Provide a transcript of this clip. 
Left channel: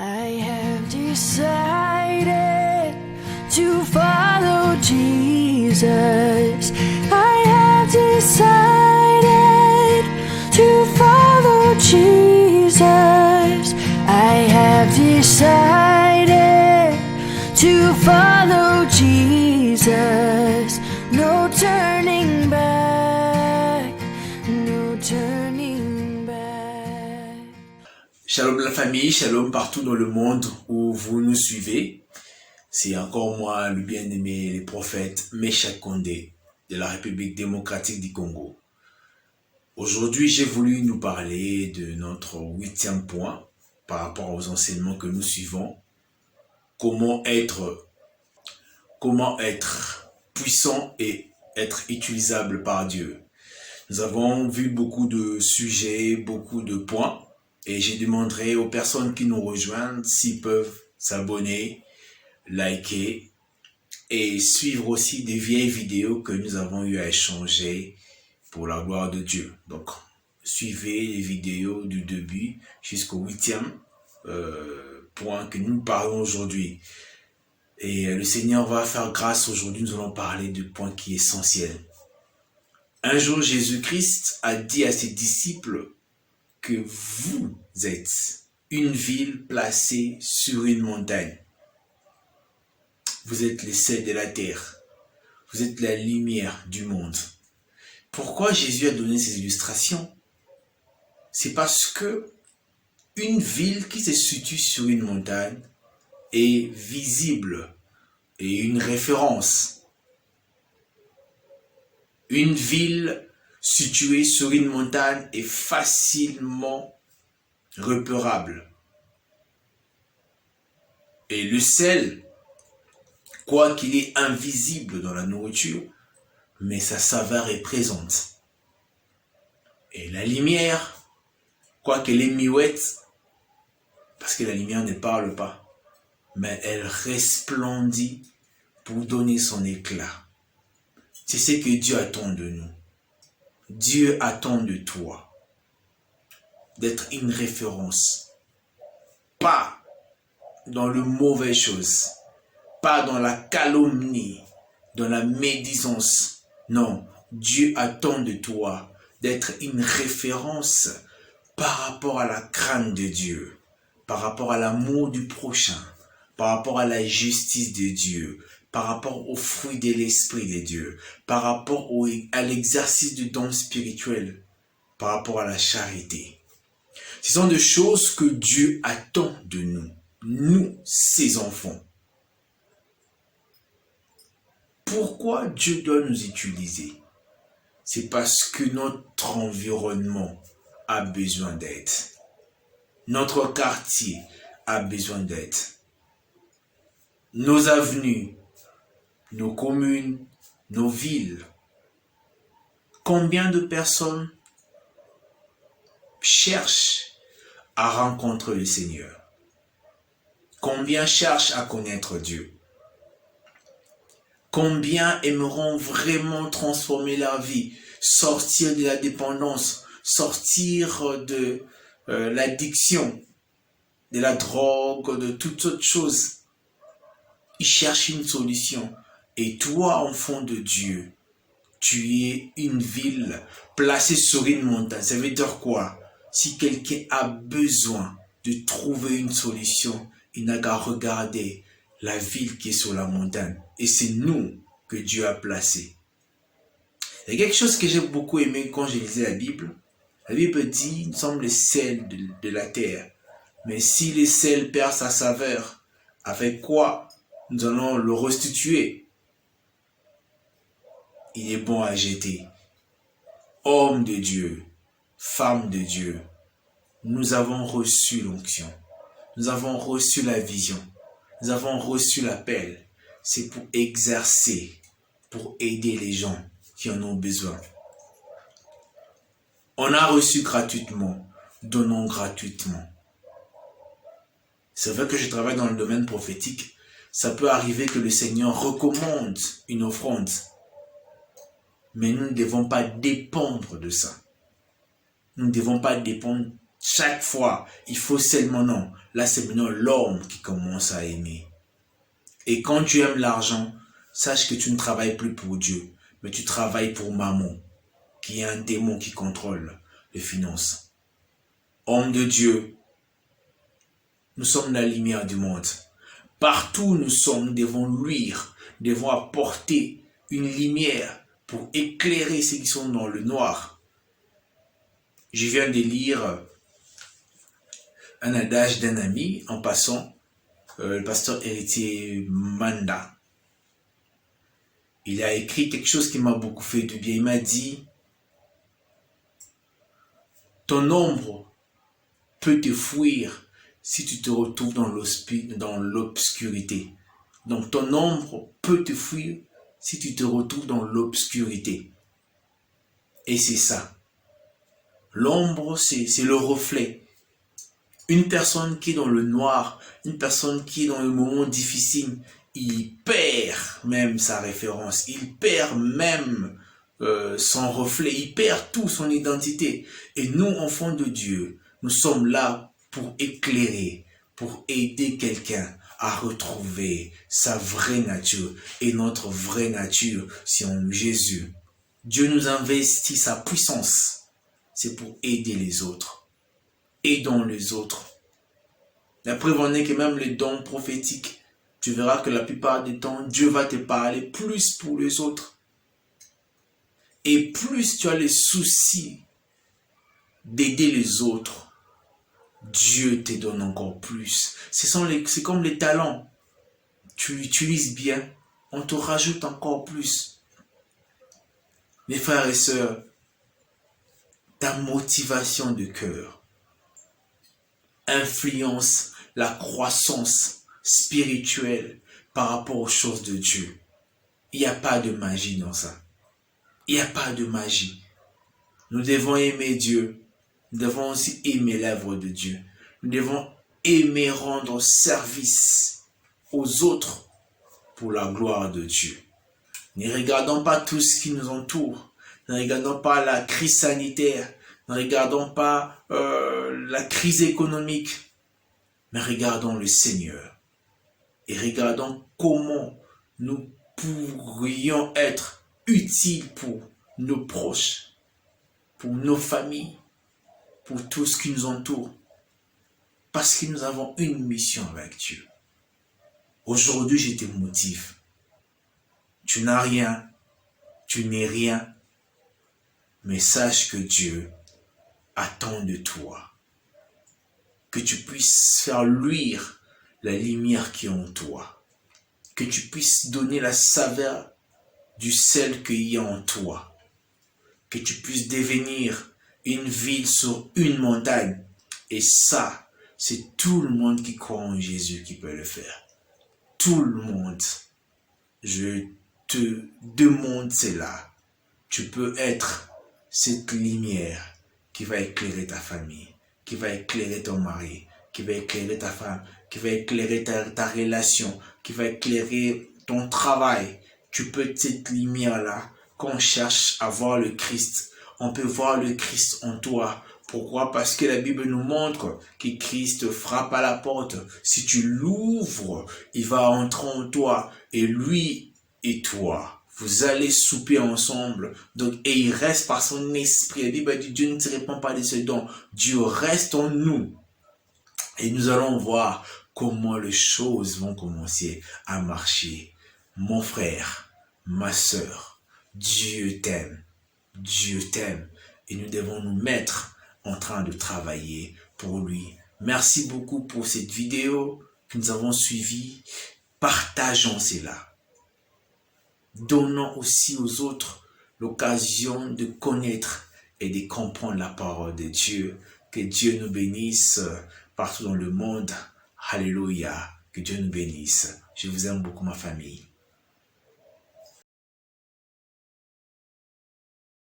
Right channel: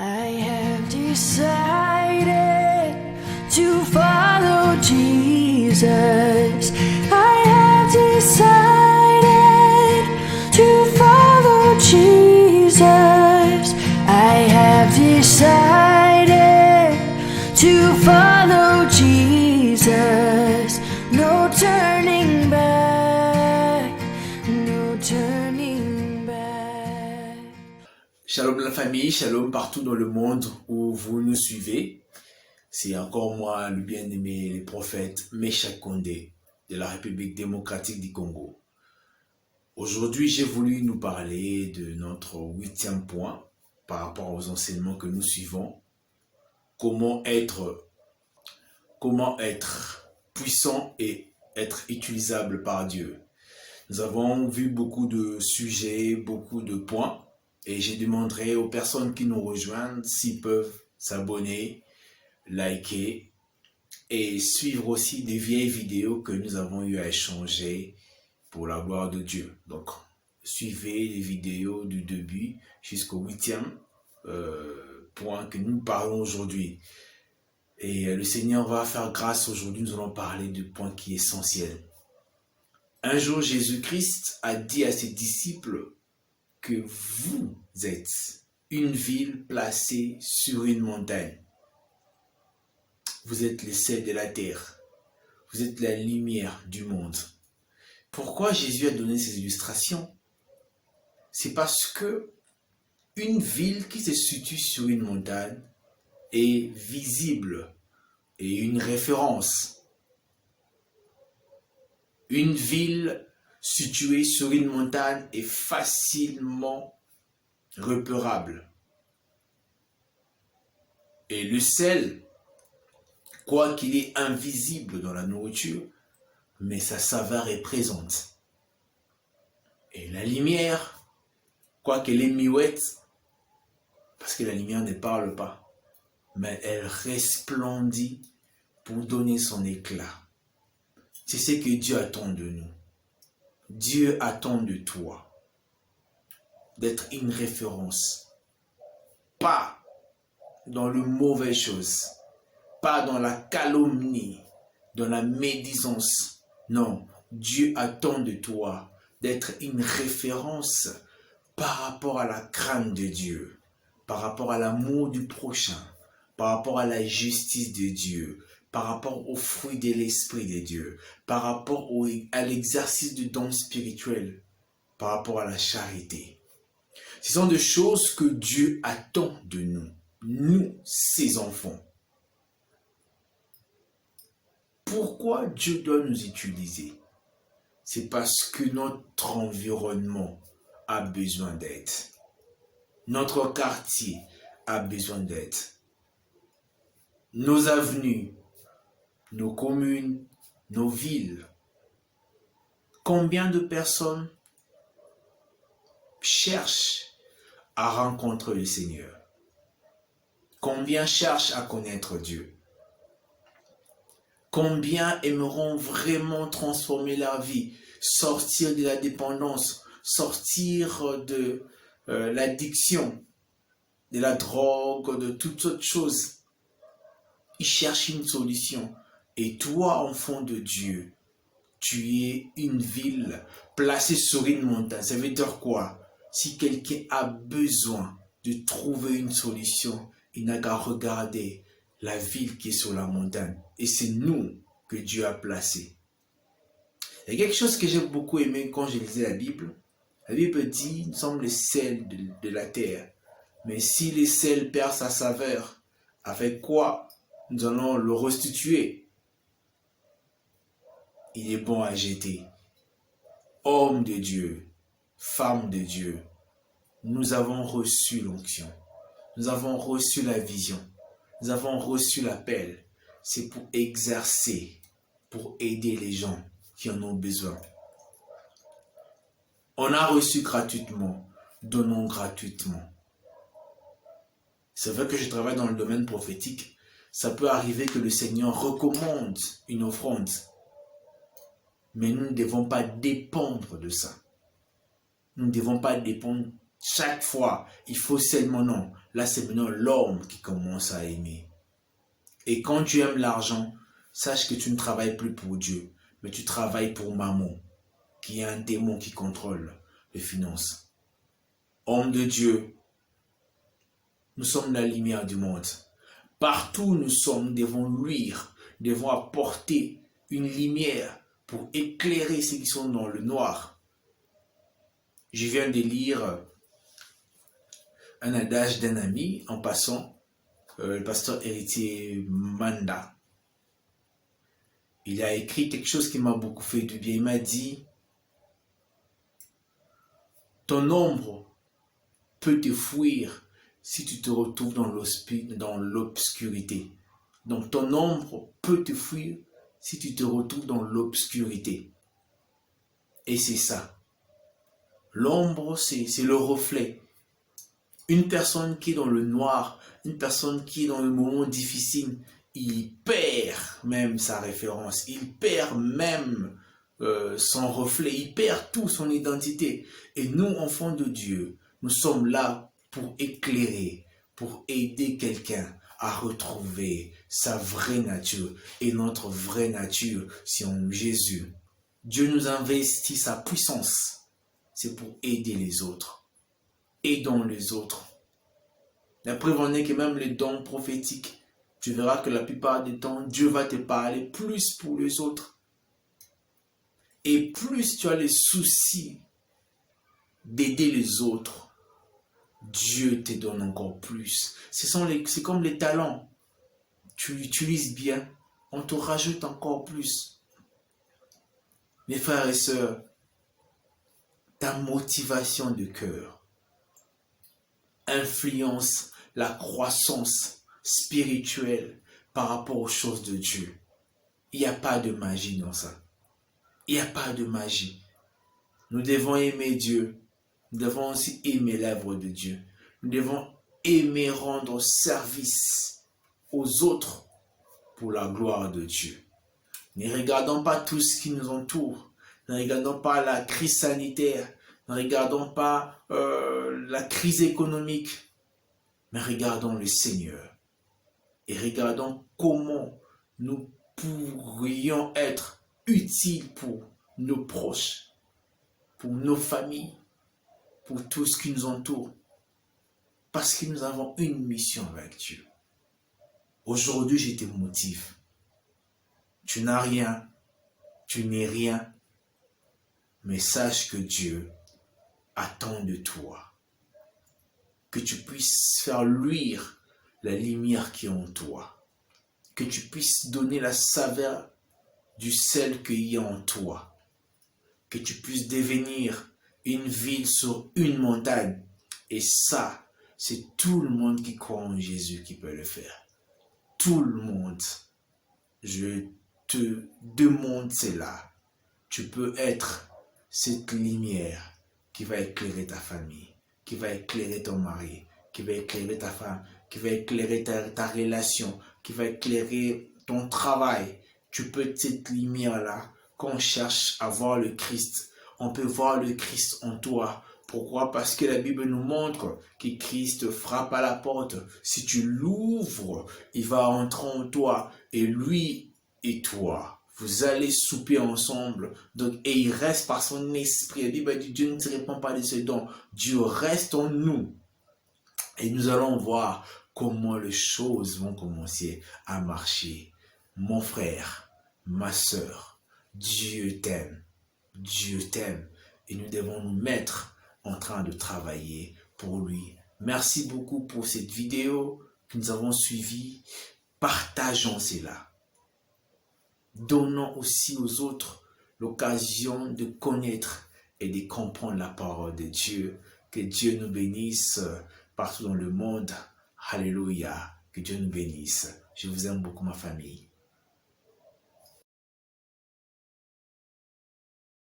I have decided to follow Jesus. I have decided to follow Jesus. I have decided to follow Jesus. No turning back, no turning back. Shalom la famille, shalom partout dans le monde où vous nous suivez. C'est encore moi, le bien-aimé, le prophète Meshak Kondé de la République démocratique du Congo. Aujourd'hui, j'ai voulu nous parler de notre 8e point par rapport aux enseignements que nous suivons. Comment être puissant et être utilisable par Dieu. Nous avons vu beaucoup de sujets, beaucoup de points. Et je demanderai aux personnes qui nous rejoignent s'ils peuvent s'abonner, liker et suivre aussi des vieilles vidéos que nous avons eu à échanger pour la gloire de Dieu. Donc, suivez les vidéos du début jusqu'au 8e point que nous parlons aujourd'hui. Et le Seigneur va faire grâce aujourd'hui. Nous allons parler du point qui est essentiel. Un jour, Jésus-Christ a dit à ses disciples que vous êtes une ville placée sur une montagne. Vous êtes les sels de la terre. Vous êtes la lumière du monde. Pourquoi Jésus a donné ces illustrations? C'est parce que une ville qui se situe sur une montagne est visible et une référence. Une ville située sur une montagne est facilement repérable. Et le sel, quoi qu'il est invisible dans la nourriture, mais sa saveur est présente. Et la lumière, quoi qu'elle est muette, parce que la lumière ne parle pas, mais elle resplendit pour donner son éclat. C'est ce que Dieu attend de nous. Dieu attend de toi d'être une référence. Pas dans le mauvais chose, pas dans la calomnie, dans la médisance. Non, Dieu attend de toi d'être une référence par rapport à la crainte de Dieu, par rapport à l'amour du prochain, par rapport à la justice de Dieu, par rapport aux fruits de l'Esprit de Dieu, par rapport à l'exercice du don spirituel, par rapport à la charité. Ce sont des choses que Dieu attend de nous, nous, ses enfants. Pourquoi Dieu doit nous utiliser? C'est parce que notre environnement a besoin d'aide. Notre quartier a besoin d'aide. Nos avenues, nos communes, nos villes. Combien de personnes cherchent à rencontrer le Seigneur? Combien cherchent à connaître Dieu? Combien aimeront vraiment transformer leur vie, sortir de la dépendance, sortir de l'addiction, de la drogue, de toutes autres choses? Ils cherchent une solution. Et toi, enfant de Dieu, tu es une ville placée sur une montagne. Ça veut dire quoi? Si quelqu'un a besoin de trouver une solution, il n'a qu'à regarder la ville qui est sur la montagne. Et c'est nous que Dieu a placé. Il y a quelque chose que j'ai beaucoup aimé quand je lisais la Bible. La Bible dit, nous sommes les sels de la terre. Mais si les sels perdent sa saveur, avec quoi nous allons le restituer? Il est bon à jeter. Homme de Dieu, femme de Dieu, nous avons reçu l'onction. Nous avons reçu la vision. Nous avons reçu l'appel. C'est pour exercer, pour aider les gens qui en ont besoin. On a reçu gratuitement, donnons gratuitement. C'est vrai que je travaille dans le domaine prophétique. Ça peut arriver que le Seigneur recommande une offrande. Mais nous ne devons pas dépendre de ça. Nous ne devons pas dépendre Chaque fois, il faut seulement non. Là, c'est maintenant l'homme qui commence à aimer. Et quand tu aimes l'argent, sache que tu ne travailles plus pour Dieu, mais tu travailles pour Mammon, qui est un démon qui contrôle les finances. Homme de Dieu, nous sommes la lumière du monde. Partout où nous sommes, nous devons luire, nous devons apporter une lumière pour éclairer ceux qui sont dans le noir. Je viens de lire un adage d'un ami en passant, le pasteur héritier Manda. Il a écrit quelque chose qui m'a beaucoup fait du bien. Il m'a dit, ton ombre peut te fuir si tu te retrouves dans l'obscurité. Donc ton ombre peut te fuir si tu te retrouves dans l'obscurité. Et c'est ça. L'ombre, c'est le reflet. Une personne qui est dans le noir, une personne qui est dans le moment difficile, il perd même sa référence, il perd même son reflet, il perd tout son identité. Et nous, enfants de Dieu, nous sommes là pour éclairer, pour aider quelqu'un à retrouver sa vraie nature. Et notre vraie nature, c'est en Jésus. Dieu nous investit sa puissance. C'est pour aider les autres. Aidons les autres. La preuve en est que même les dons prophétiques, tu verras que la plupart du temps, Dieu va te parler plus pour les autres. Et plus tu as les soucis d'aider les autres, Dieu te donne encore plus. C'est comme les talents. Tu l'utilises bien, on te rajoute encore plus. Mes frères et sœurs, ta motivation de cœur influence la croissance spirituelle par rapport aux choses de Dieu. Il n'y a pas de magie dans ça. Il n'y a pas de magie. Nous devons aimer Dieu. Nous devons aussi aimer l'œuvre de Dieu. Nous devons aimer rendre service aux autres pour la gloire de Dieu. Ne regardons pas tout ce qui nous entoure. Ne regardons pas la crise sanitaire. Ne regardons pas la crise économique. Mais regardons le Seigneur. Et regardons comment nous pourrions être utiles pour nos proches, pour nos familles, pour tout ce qui nous entoure. Parce que nous avons une mission avec Dieu. Aujourd'hui, je te motive. Tu n'as rien, tu n'es rien, mais sache que Dieu attend de toi que tu puisses faire luire la lumière qui est en toi, que tu puisses donner la saveur du sel qu'il y a en toi, que tu puisses devenir une ville sur une montagne. Et ça, c'est tout le monde qui croit en Jésus qui peut le faire. Tout le monde. Je te demande cela. Tu peux être cette lumière qui va éclairer ta famille, qui va éclairer ton mari, qui va éclairer ta femme, qui va éclairer ta relation, qui va éclairer ton travail. Tu peux être cette lumière-là. Quand on cherche à voir le Christ, on peut voir le Christ en toi. Pourquoi? Parce que la Bible nous montre que Christ frappe à la porte. Si tu l'ouvres, il va entrer en toi. Et lui et toi, vous allez souper ensemble. Donc, et il reste par son esprit. La Bible dit, Dieu ne se répand pas de ses dons. Dieu reste en nous. Et nous allons voir comment les choses vont commencer à marcher. Mon frère, ma sœur, Dieu t'aime. Dieu t'aime. Et nous devons nous mettre en train de travailler pour lui. Merci beaucoup pour cette vidéo que nous avons suivie. Partageons cela. Donnons aussi aux autres l'occasion de connaître et de comprendre la parole de Dieu. Que Dieu nous bénisse partout dans le monde. Alléluia. Que Dieu nous bénisse. Je vous aime beaucoup, ma famille.